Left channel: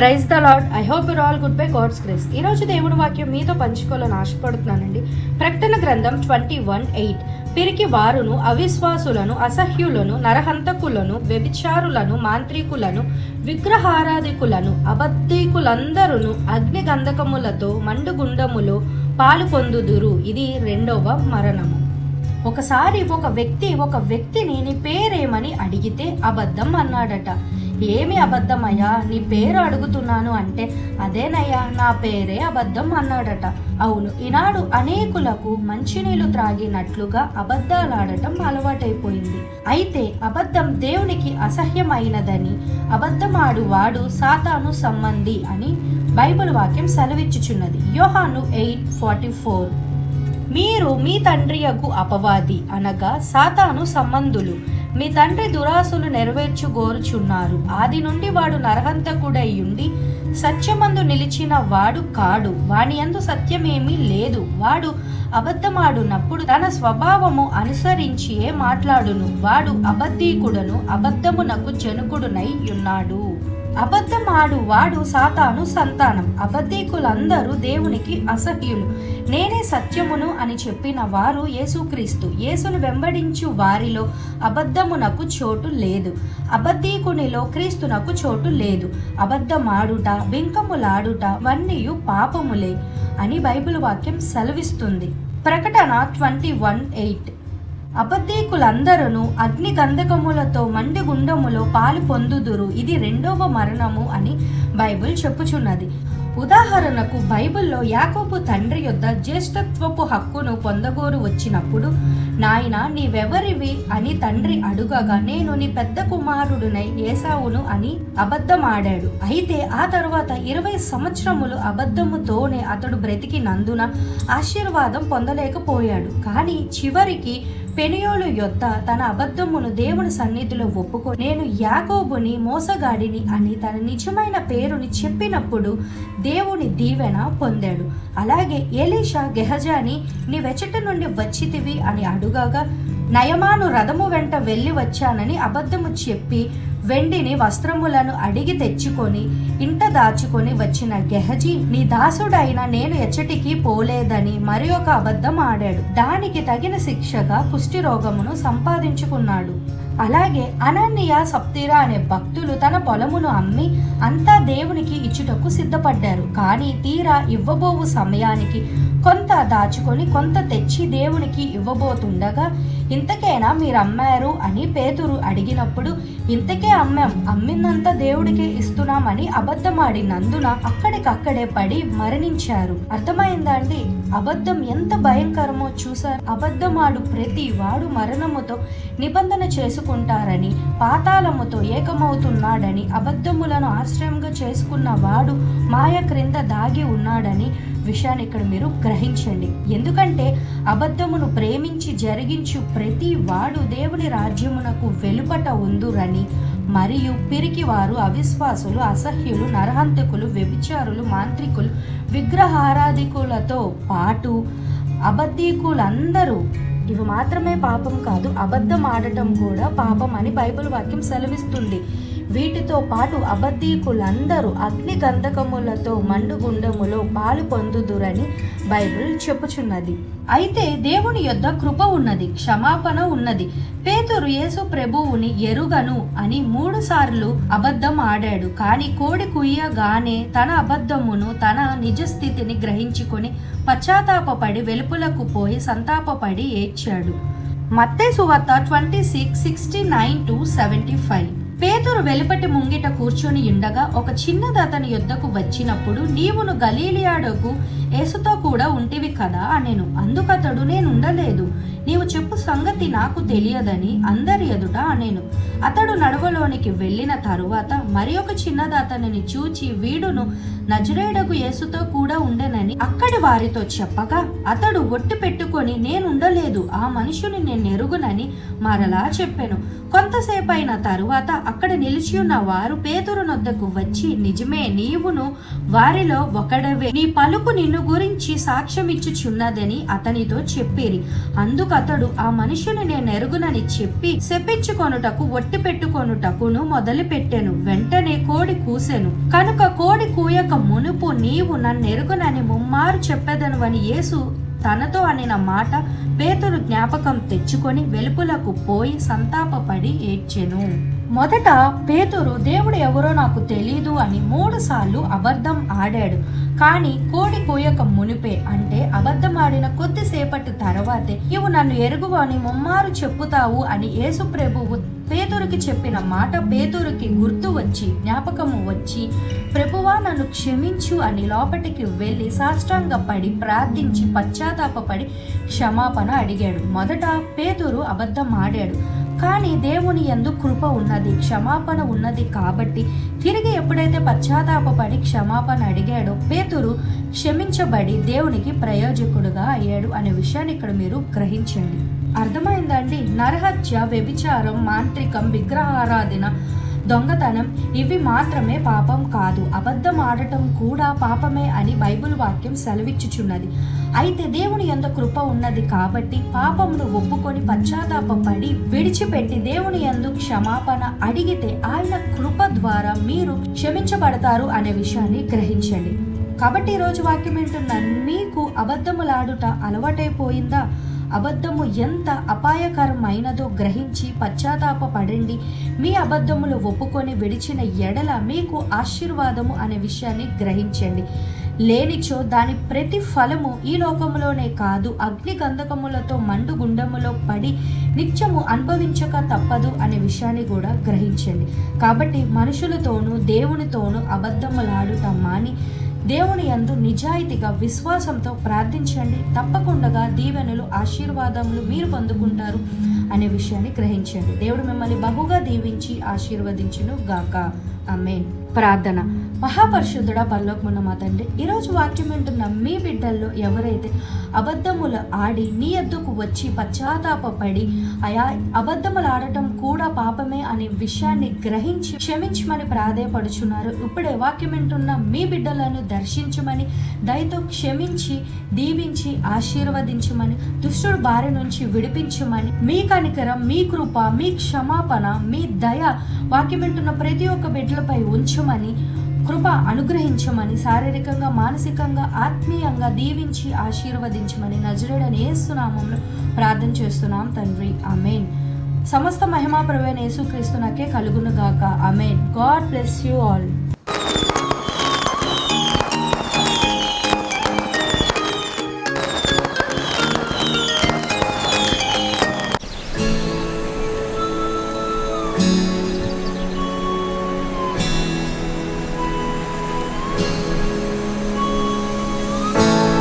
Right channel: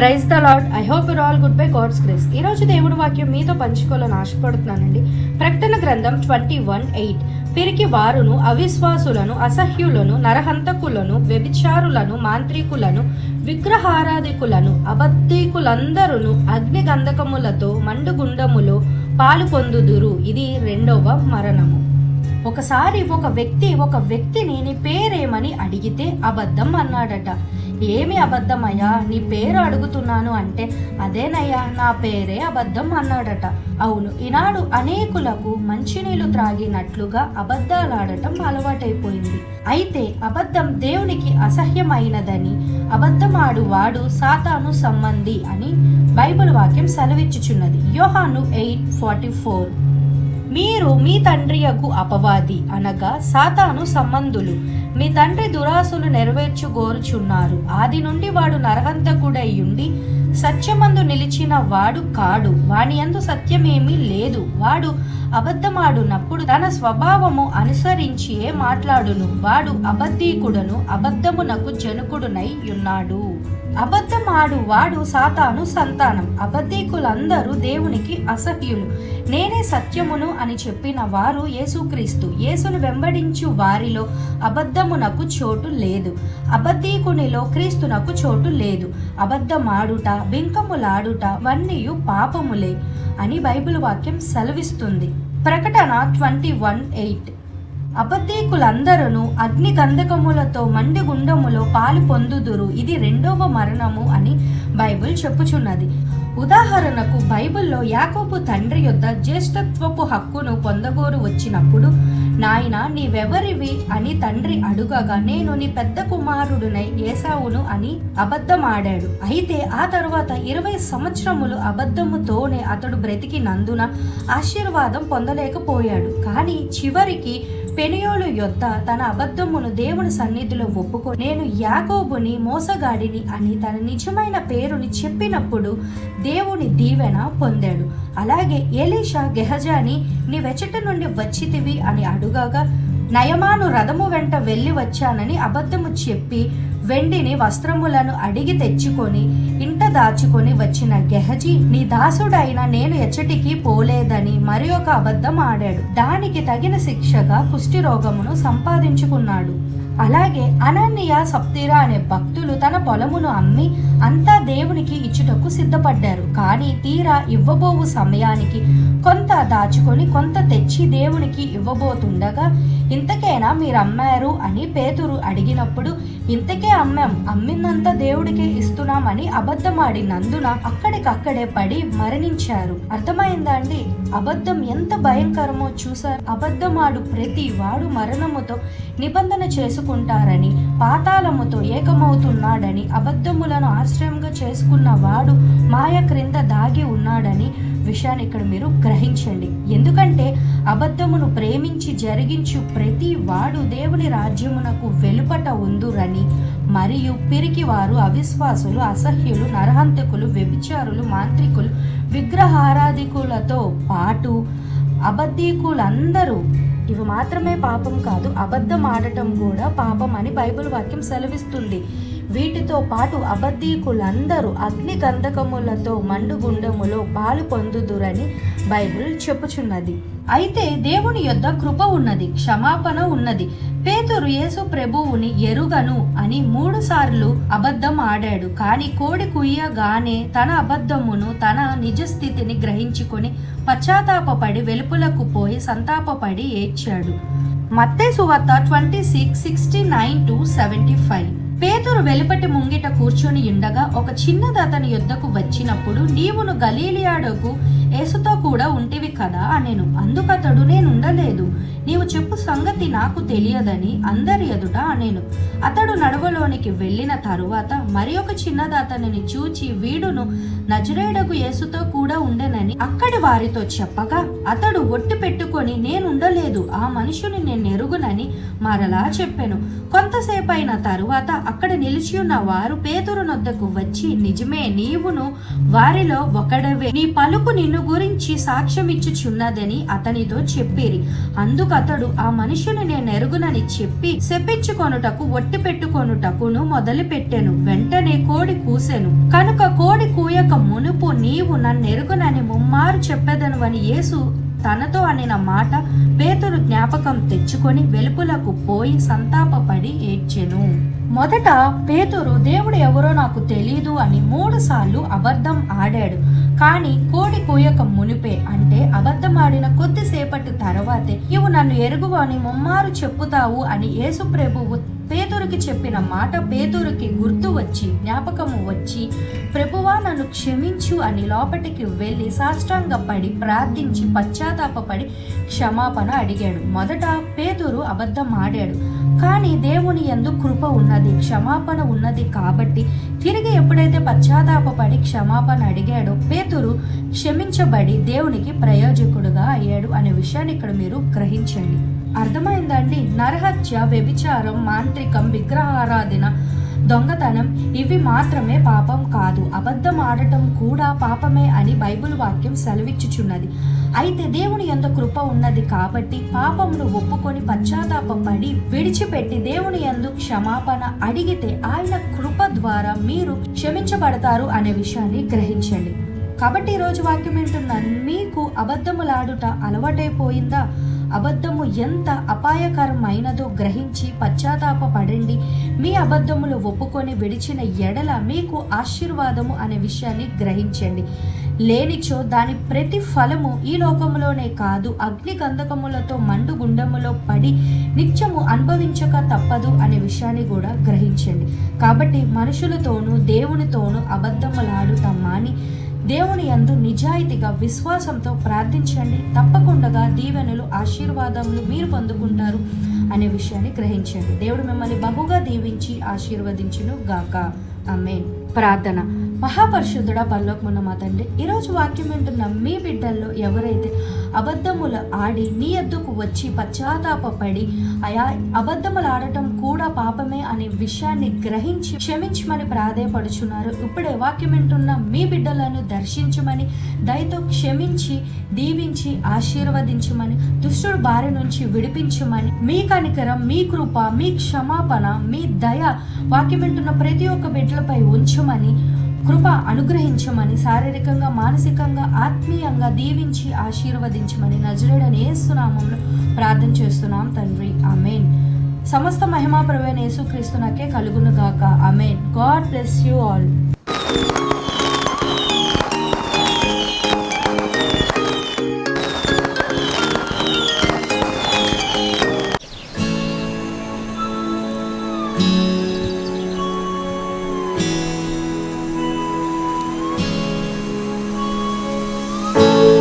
Praise the lord. I hope you're all good by God's grace. ఈరోజు దేవుడి వాక్యం మీతో పంచుకోవాలని ఆశపడుతున్నానండి. ప్రకటన గ్రంథం 21:8. పిరికి వారును, అవిశ్వాసులను, అసహ్యులను, నరహంతకులను, వ్యభిచారులను, మాంత్రికులను, విగ్రహారాధికులను, అబద్ధికులందరూ అగ్ని గంధకములతో మండుగుండములో పాలు పొందుదురు. ఇది రెండవ మరణము. ఒకసారి ఒక వ్యక్తిని నీ పేరేమని అడిగితే అబద్ధం అన్నాడట. ఏమి అబద్ధమయ్యా, నీ పేరు అడుగుతున్నాను అంటే అదేనయ్యా నా పేరే అబద్ధం అన్నాడట. అవును, ఈనాడు అనేకులకు మంచినీళ్లు త్రాగినట్లుగా అబద్ధాలాడటం అలవాటైపోయింది. అయితే అబద్ధం దేవునికి అసహ్యమైనదని, అబద్ధమాడు వాడు సాతాను సంబంధి అని బైబిల్ వాక్యం సెలవిచ్చుచున్నది. యోహాను 8:44. మీరు మీ తండ్రియగు అపవాది అనగా సాతాను సంబంధులు, మీ తండ్రి దురాశలు నెరవేర్చుగోరుచున్నారు. ఆది నుండి వాడు నరహంతకుడైయుండి సత్యమందు నిలిచిన వాడు కాడు, వాని యందు సత్యమేమీ లేదు. వాడు అబద్ధమాడునప్పుడు తన స్వభావము అనుసరించియే మాట్లాడును. వాడు అబద్ధీకుడను, అబద్ధమునకు జనకుడునై ఉన్నాడు. అబద్ధమాడు వాడు సాతాను సంతానం. అబద్ధీకులందరూ దేవునికి అసహ్యులు. నేనే సత్యమును అని చెప్పిన వారు యేసుక్రీస్తు. యేసును వెంబడించు వారిలో అబద్ధమునకు చోటు లేదు, అబద్ధీకునిలో క్రీస్తునకు చోటు లేదు. అబద్ధమాడుట, బింకములాడుట వన్నీయు పాపములే అని బైబిల్ వాక్యం సెలవిస్తుంది. ప్రకటన 21:8. అబద్ధీకులందరూ అగ్ని గంధకములతో మండుగుండములో పాలు పొందుదురు. ఇది రెండవ మరణము అని బైబిల్ చెప్పుచున్నది. ఉదాహరణకు బైబిల్లో యాకోబు తండ్రి యొద్ద జ్యేష్ఠత్వపు హక్కును పొందగోరు వచ్చినప్పుడు, నాయన నీవెవరివి అని తండ్రి అడుగగా, నేను నీ పెద్ద కుమారుడునై ఏసావును అని అబద్ధమాడాడు. అయితే ఆ తర్వాత 20 సంవత్సరములు అబద్ధముతోనే అతడు బ్రతికినందున ఆశీర్వాదం పొందలేకపోయాడు. కానీ చివరికి పెనియోలు యొద్ద తన అబద్ధమును దేవుని సన్నిధిలో ఒప్పుకొని, నేను యాకోబుని మోసగాడిని అని తన నిజమైన పేరుని చెప్పినప్పుడు దేవుని దీవెన పొందాడు. అలాగే ఎలీషా గెహజాని నీవెచ్చట నుండి వచ్చితివి అని అడుగగా, నయమాను రథము వెంట వెళ్ళి వచ్చానని అబద్ధము చెప్పి వెండిని వస్త్రములను అడిగి తెచ్చుకొని ఇంట దాచుకొని వచ్చిన గెహజీ, నీ దాసుడైన నేను ఎచ్చటికి పోలేదని మరి ఒక అబద్ధం ఆడాడు. దానికి తగిన శిక్షగా కుష్టి రోగమును సంపాదించుకున్నాడు. అలాగే అననీయ సప్తిరా అనే భక్తులు తన పొలమును అమ్మి అంతా దేవునికి ఇచ్చుటకు సిద్ధపడ్డారు. కానీ తీరా ఇవ్వబోవు సమయానికి కొంత దాచుకొని కొంత తెచ్చి దేవునికి ఇవ్వబోతుండగా, ఇంతకేనా మీరు అమ్మారు అని పేతురు అడిగినప్పుడు, ఇంతకే అమ్మాం, అమ్మిందంతా దేవుడికే ఇస్తున్నామని అబద్ధమాడినందున అక్కడికక్కడే పడి మరణించారు. అర్థమైందా అండి? అబద్ధం ఎంత భయంకరమో చూసారు. అబద్ధమాడు ప్రతి వాడు మరణముతో నిబంధన చేసుకుంటారని, పాతాళముతో ఏకమవుతున్నాడని, అబద్ధములను ఆశ్రయంగా చేసుకున్న వాడు మాయ క్రింద దాగి ఉన్నాడని విషయాన్ని ఇక్కడ మీరు గ్రహించండి. ఎందుకంటే అబద్ధమును ప్రేమించి జరిగించు ప్రతి వాడు దేవుని రాజ్యమునకు వెలుపట ఉందురని, మరియు పిరికి వారు, అవిశ్వాసులు, అసహ్యులు, నరహంతకులు, వ్యభిచారులు, మాంత్రికులు, విగ్రహారాధికులతో పాటు అబద్ధీకులందరూ, ఇవి మాత్రమే పాపం కాదు, అబద్ధం ఆడటం కూడా పాపం అని బైబిల్ వాక్యం సెలవిస్తుంది. వీటితో పాటు అబద్ధీకులందరూ అగ్ని గంధకములతో మండుగుండములో పాలు పొందుదురని బైబిల్ చెప్పుచున్నది. అయితే దేవుని యొద్ద కృప ఉన్నది, క్షమాపణ ఉన్నది. పేతురు యేసు ప్రభువుని ఎరుగను అని 3 సార్లు అబద్ధం ఆడాడు. కానీ కోడి కుయ్యగానే తన అబద్ధమును, తన నిజస్థితిని గ్రహించుకొని పశ్చాత్తాపపడి వెలుపులకు పోయి సంతాపపడి ఏడ్చాడు. మత్తయి సువార్త 26:69-75. పేతురు వెలుపటి ముంగిట కూర్చొని ఉండగా ఒక చిన్నది అతని యొద్దకు వచ్చినప్పుడు, నీవును గలీలియాడకు యేసుతో కూడా ఉంటివి కదా అనెను. అందుకతడు, నేనుండలేదు, నీవు చెప్పు సంగతి నాకు తెలియదని అందరి ఎదుట అనెను. అతడు నడవలోనికి వెళ్ళిన తరువాత మరి ఒక చిన్నది అతనిని చూచి, వీడును నజరేయుడగు యేసుతో కూడా ఉండెనని అక్కడి వారితో చెప్పగా, అతడు ఒట్టు పెట్టుకొని, నేనుండలేదు, ఆ మనుషుని నేను ఎరుగునని మరలా చెప్పెను. కొంతసేపు అయిన తరువాత అక్కడ నిలిచి ఉన్న వారు పేతురు నొద్దకు వచ్చి, నిజమే, నీవును వారిలో ఒకడవే, నీ పలుకు నిన్ను నిన్ను గురించి సాక్ష్యమిచ్చుచున్నదని అతనితో చెప్పిరి. అందుకతడు ఆ మనుషుని నేనెరుగునని చెప్పి శపించుకొనుటకు ఒట్టి పెట్టుకొనుటకును మొదలుపెట్టెను. వెంటనే కోడి కూసెను. కనుక కోడి కూయక మునుపు నీవు నన్నెరుగునని ముమ్మారు చెప్పెదను అని యేసు తనతో అనిన మాట పేతురు జ్ఞాపకం తెచ్చుకొని వెలుపులకు పోయి సంతాపపడి ఏడ్చెను. మొదట పేతురు దేవుడు ఎవరో నాకు తెలీదు అని 3 సార్లు అబద్ధం ఆడాడు. కానీ కోడి కూయక మునిపే, అంటే అబద్ధం ఆడిన కొద్దిసేపటి తర్వాతే నీవు నన్ను ఎరుగువు అని ముమ్మారు చెప్పుతావు అని యేసు ప్రభువు పేతురుకి చెప్పిన మాట పేతురుకి గుర్తు వచ్చి జ్ఞాపకము వచ్చి, ప్రభువా నన్ను క్షమించు అని లోపటికి వెళ్ళి సాష్టాంగపడి ప్రార్థించి పశ్చాత్తాపపడి క్షమాపణ అడిగాడు. మొదట పేతురు అబద్ధం ఆడాడు, కానీ దేవుని యందు కృప ఉన్నది, క్షమాపణ ఉన్నది. కాబట్టి తిరిగి ఎప్పుడైతే పశ్చాత్తాపపడి క్షమాపణ అడిగాడో పేతురు క్షమించబడి దేవునికి ప్రయోజకుడుగా అయ్యాడు అనే విషయాన్ని ఇక్కడ మీరు గ్రహించండి. అర్థమైందండి? నరహత్య, వ్యభిచారం, మాంత్రికం, విగ్రహారాధన, దొంగతనం ఇవి మాత్రమే పాపం కాదు, అబద్ధం ఆడటం కూడా పాపమే అని బైబిల్ వాక్యం సెలవిచ్చుచున్నది. అయితే దేవుని యందు కృప ఉన్నది కాబట్టి పాపమును ఒప్పుకొని పశ్చాత్తాపపడి విడిచిపెట్టి దేవుని యందు క్షమాపణ అడిగితే ఆయన కృప ద్వారా మీరు క్షమించబడతారు అనే విషయాన్ని గ్రహించండి. కాబట్టి ఈరోజు వాక్యం వింటున్న మీకు అబద్ధములాడుట అలవాటైపోయిందా? అబద్ధము ఎంత అపాయకరమైనదో గ్రహించి పశ్చాత్తాపపడండి. మీ అబద్ధములు ఒప్పుకొని విడిచిన ఎడల మీకు ఆశీర్వాదము అనే విషయాన్ని గ్రహించండి. లేనిచో దాని ప్రతి ఫలము ఈ లోకములోనే కాదు, అగ్ని గంధకములతో మండు గుండములో పడి నిత్యము అనుభవించక తప్పదు అనే విషయాన్ని కూడా గ్రహించండి. కాబట్టి మనుషులతోనూ దేవునితోనూ అబద్ధములాడుట మాని దేవుని యందు నిజాయితీగా విశ్వాసంతో ప్రార్థించండి. తప్పకుండా దీవెనలు, ఆశీర్వాదములు మీరు పొందుకుంటారు అనే విషయాన్ని గ్రహించండి. దేవుడు మిమ్మల్ని బహుగా దీవించి ఆశీర్వదించును గాక. ఆమేన్. ప్రార్థన. మహాపరిశుద్ధుడా, పరలోకమున్న మా తండ్రి, ఈరోజు వాక్యం వింటున్న మీ బిడ్డల్లో ఎవరైతే అబద్ధములు ఆడి నీ యొద్దకు వచ్చి పశ్చాత్తాపపడి అయా అబద్ధములు ఆడటం కూడా పాపమే అనే విషయాన్ని గ్రహించి క్షమించమని ప్రాధేయపడుచున్నారు, ఇప్పుడే వాక్యం వింటున్న మీ బిడ్డలను దర్శించమని, దయతో క్షమించి దీవించి ఆశీర్వదించమని, దుష్టుడు బారి నుంచి విడిపించమని, మీ కనికరం, మీ కృప, మీ క్షమాపణ, మీ దయ వాక్యం వింటున్న ప్రతి ఒక్క బిడ్డలపై ఉంచమని, కృప అనుగ్రహించమని, శారీరకంగా, మానసికంగా, ఆత్మీయంగా దీవించి ఆశీర్వదించమని నజరేయుడైన యేసు నామములో ప్రార్థన చేస్తున్నాం తండ్రి. ఆమేన్. సమస్త మహిమా ప్రభువైన యేసుక్రీస్తునకే కలుగును గాక. ఆమేన్. God bless you all. you